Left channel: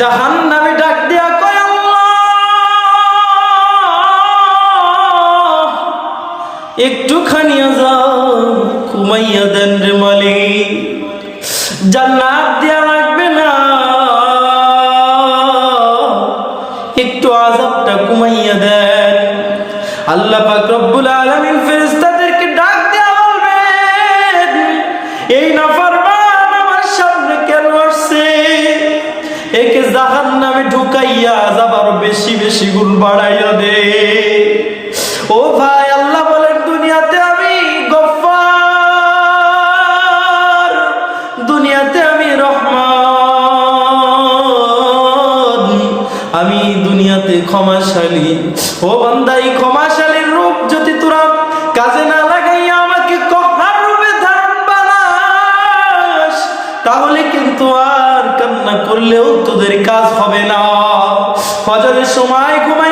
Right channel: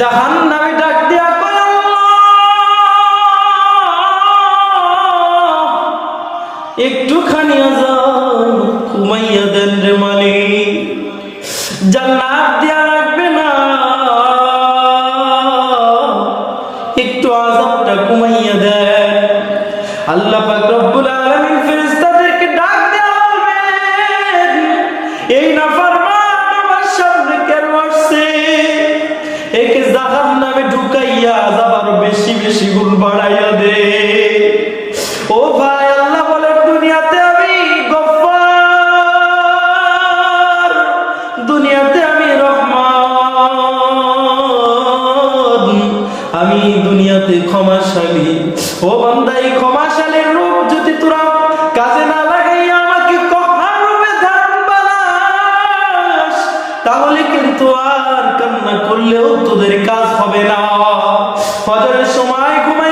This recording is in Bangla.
জাহান্নামে ডাক দিয়া কয়, আল্লাহ একটুখানি আযাব কমাইয়া দেন রে মালিক, জান্নাত দেয়া লাগবে না, একটু আযাবটা কমাইয়া দেন। আল্লাহ পাক রব্বুল আলামিন ফেরেশতাদেরকে ডাক দেয়া বলবেন, এই নাফরমান আমার সামনে কেন আসছে, একে জাহান্নামে ঢুকাইয়া আযাব আরো বেশি বেশি গুণ বাড়াইয়া দে। ও ভাই, আল্লাহ বলেন দুনিয়াতে আমি গফফার, দুনিয়াতে আমি রহমান, আমি দুনিয়াতে ক্ষমাশালী। ও বান্দা, এই ক্ষমাশালীর রূপ যদি তোরা কাজে না লাগাইয়া আমাকে কহ্হার রূপে ধারণ বানাস, তাহলে কিন্তু আর কান্না করলেও তোদের কাজ হবে না। ফজরের সময় ঘুমাই